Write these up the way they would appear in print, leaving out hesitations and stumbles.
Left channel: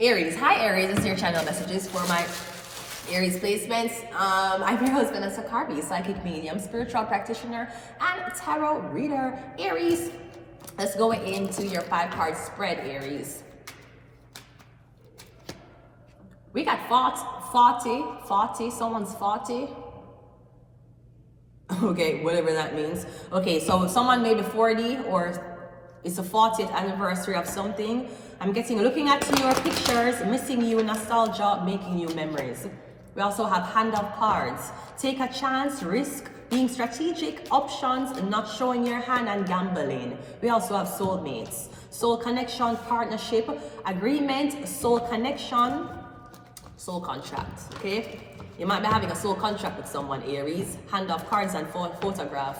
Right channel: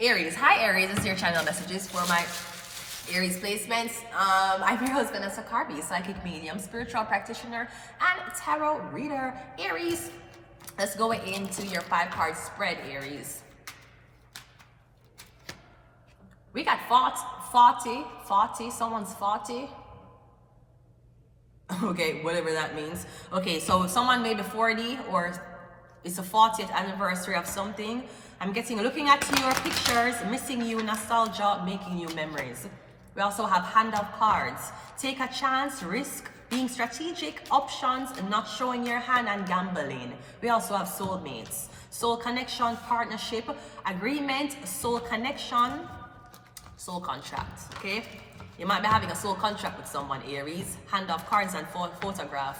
Aries. Hi Aries, this is your channel messages for my Aries placements. I'm your host Vanessa Carby, psychic medium, spiritual practitioner, and tarot reader. Aries, let's go into your 5-card spread, Aries. We got 40, someone's 40. Okay, whatever that means. Okay, so someone may be 40 or it's a 40th anniversary of something. I'm looking at your pictures, missing you, nostalgia, making you memories. We also have hand of cards. Take a chance, risk, being strategic, options, not showing your hand, and gambling. We also have soulmates. Soul connection, partnership, agreement, soul connection, soul contract, okay? You might be having a soul contract with someone, Aries. Hand of cards and photograph.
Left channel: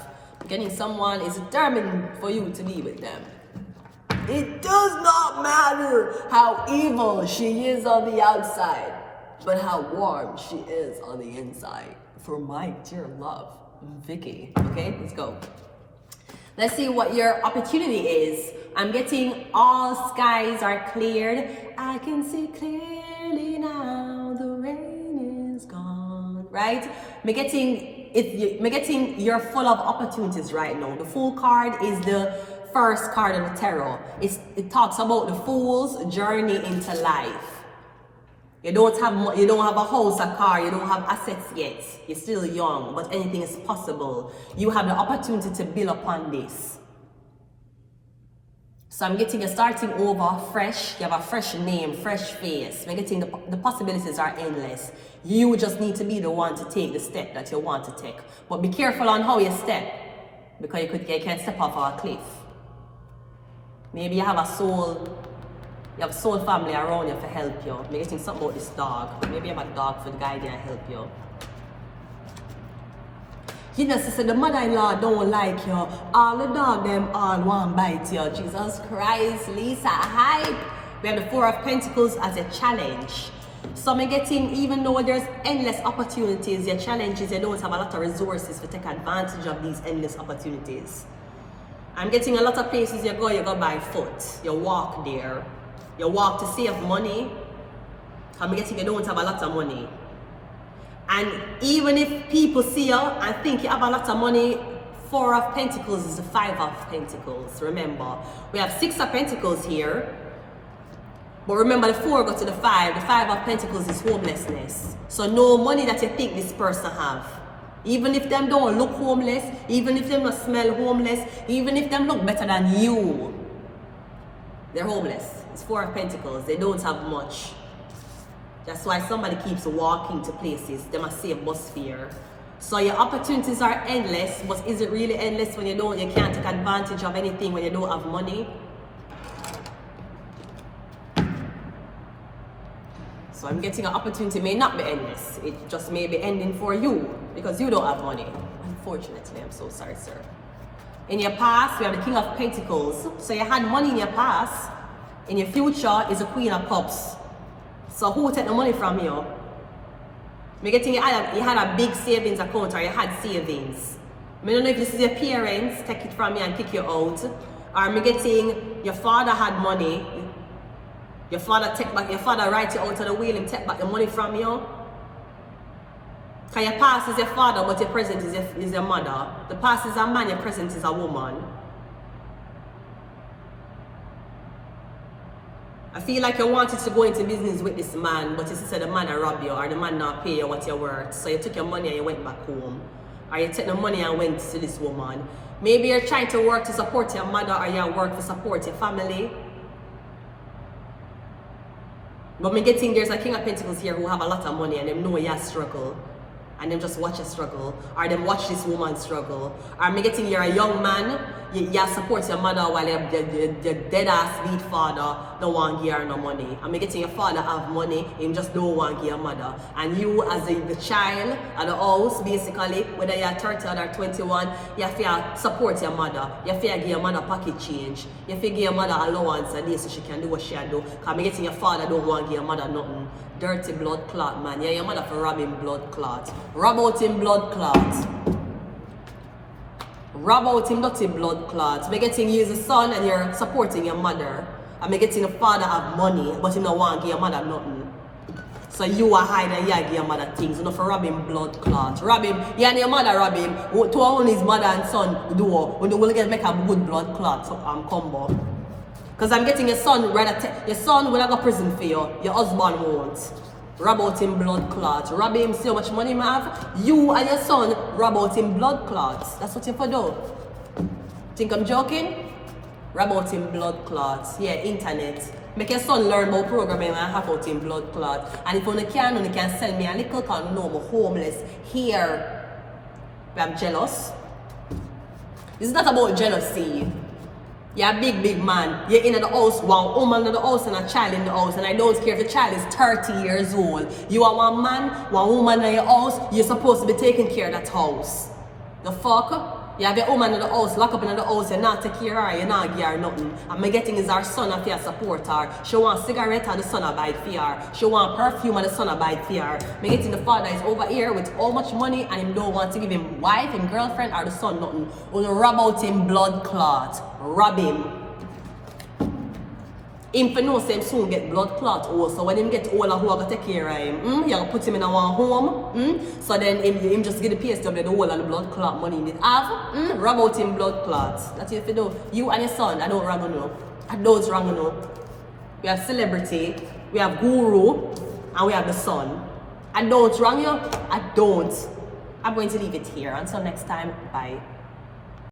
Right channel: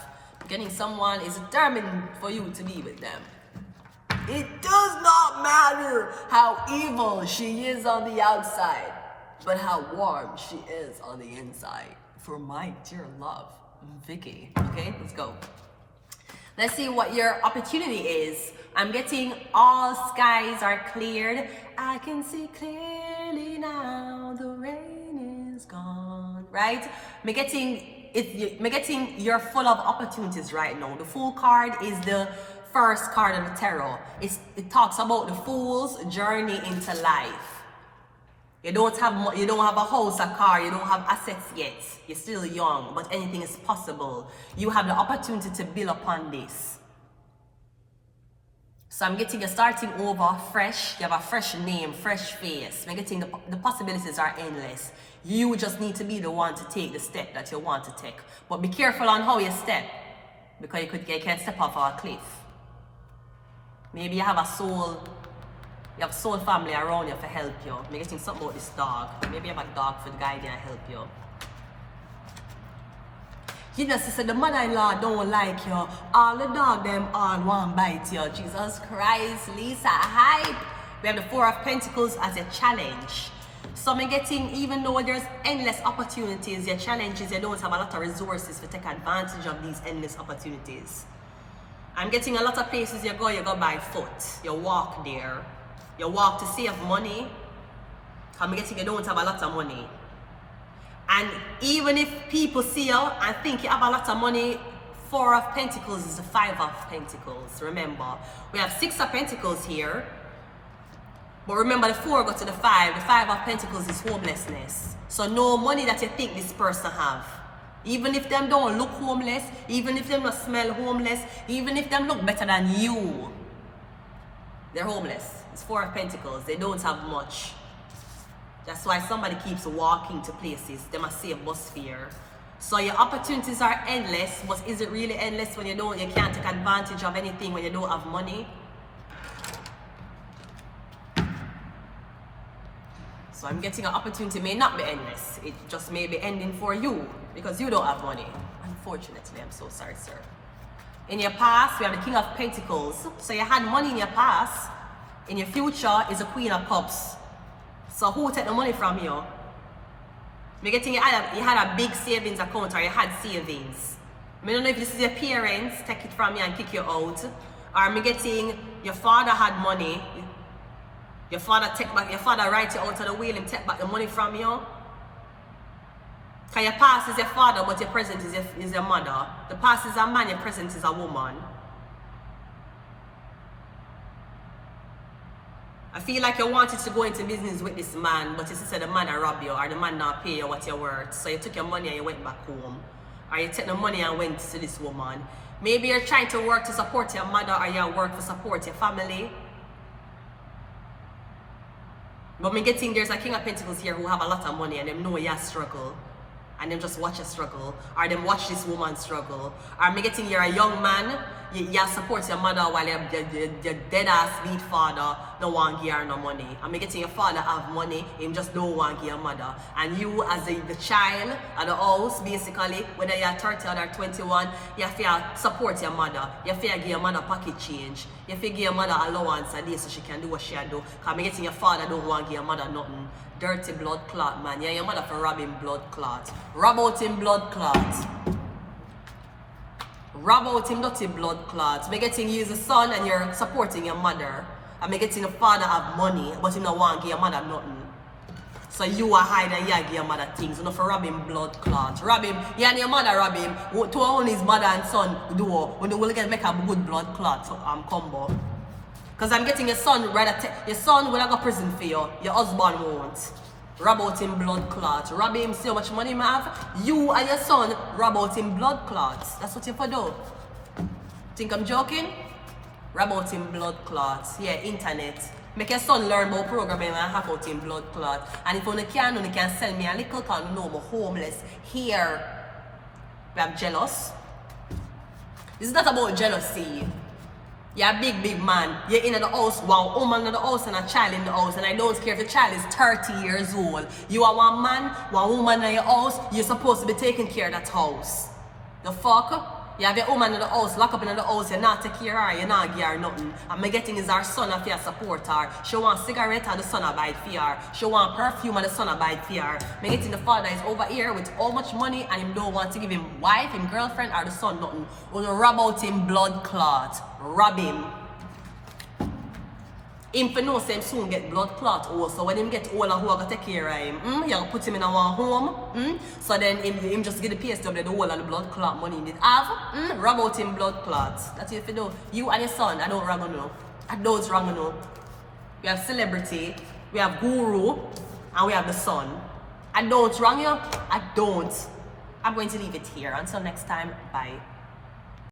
Getting someone is determined for you to be with them. It does not matter how evil she is on the outside, but how warm she is on the inside. For my dear love, Vicky. Okay, let's go. Let's see what your opportunity is. I'm getting all skies are cleared. I can see clearly now. The rain is gone. Right? I'm getting you're full of opportunities right now. The Fool card is the first card of the tarot. It talks about the fool's journey into life. You don't have a house, a car, you don't have assets yet. You're still young, but anything is possible. You have the opportunity to build upon this. So I'm getting you starting over fresh. You have a fresh name, fresh face. I'm getting the possibilities are endless. You just need to be the one to take the step that you want to take. But be careful on how you step, because you can step off a cliff. Maybe you have soul family around you to help you. Maybe getting something about this dog. Maybe you have a dog for the guide and help you. You know, sister, the mother-in-law don't like you. All the dog them all want bite you. Jesus Christ, Lisa, hype. We have the 4 of Pentacles as a challenge. So I'm getting, even though there's endless opportunities, your challenge is you don't have a lot of resources to take advantage of these endless opportunities. I'm getting a lot of places you go by foot. You walk there. You walk to save money. I'm getting you don't have a lot of money. And even if people see you and think you have a lot of money, 4 of Pentacles is the 5 of Pentacles. Remember, we have 6 of Pentacles here. But remember, the 4 go to the 5. The 5 of Pentacles is homelessness. So no money that you think this person have. Even if them don't look homeless, even if them don't smell homeless, even if them look better than you, they're homeless. It's 4 of Pentacles. They don't have much. That's why somebody keeps walking to places. They must see a bus fare. So your opportunities are endless, but is it really endless when you can't take advantage of anything when you don't have money? So I'm getting an opportunity may not be endless. It just may be ending for you because you don't have money. Unfortunately, I'm so sorry, sir. In your past, we have the King of Pentacles. So you had money in your past. In your future is the Queen of Cups. So who will take the money from you? I'm getting you had a big savings account or you had savings. I don't know if this is your parents, take it from you and kick you out. Or I'm getting your father had money. Your father write you out of the wheel and take back the money from you. Because your past is your father, but your present is your mother. The past is a man, your present is a woman. I feel like you wanted to go into business with this man, but you said the man robbed you, or the man not pay you what you're worth. So you took your money and you went back home. Or you took the money and went to this woman. Maybe you're trying to work to support your mother, or you work to support your family. But I'm getting there's a King of Pentacles here who have a lot of money and them know you struggle. And them just watch you struggle. Or them watch this woman struggle. Or I'm getting you're a young man, you support your mother while your dead ass lead father don't want to give her no money. I'm getting your father have money, him just don't want to give your mother. And you as the child of the house, basically, whether you're 30 or 21, you have to support your mother. You have to give your mother pocket change. You have to give your mother allowance a day so she can do what she do. Because I'm getting your father don't want to give your mother nothing. Dirty blood clot, man. Yeah, your mother for robbing blood clot. Rob out him blood clot. Rob out him dirty blood clots. By getting you as a son and you're supporting your mother. I'm getting the father have money, but you don't want to give your mother nothing. So you are hiding, you give your mother things. You know, for rob him blood clots. Rob him, you and your mother rob him. To only his mother and son do, when they will get make a good blood clot combo. Because I'm getting your son, your son will not go to prison for you. Your husband won't. Rob out him blood clots. Rob him, see how much money you have. You and your son rob out him blood clots. That's what you for do. Think I'm joking? Rob out him blood clots. Yeah, internet. Make your son learn about programming and hack out him blood clots. And if you can send me a little can you know about homeless here. I'm jealous. This is not about jealousy. You're a big man. You're in the house, one woman in the house and a child in the house, and I don't care if the child is 30 years old. You are one man, one woman in your house, you're supposed to be taking care of that house. The fuck? You have your woman in the house, lock up in the house, you're not taking care of her, you're not give her nothing. And my getting is our son if you support her. She want cigarette and the son buy it for her. She want perfume and the son buy it for her. My getting the father is over here with all much money and he don't want to give him wife, him girlfriend or the son nothing. We'll rob out him blood clot. Rob him. Him for no sense soon get blood clot also. When him get older, who are going to take care of him? You put him in a one home. So then him just get the PSW, the whole of the blood clot money he did have. Rob out him blood clots. That's it for do. You and your son, I don't wrong enough. I don't wrong enough. We have celebrity, we have guru, and we have the son. I don't wrong you. I don't. I'm going to leave it here. Until next time, bye.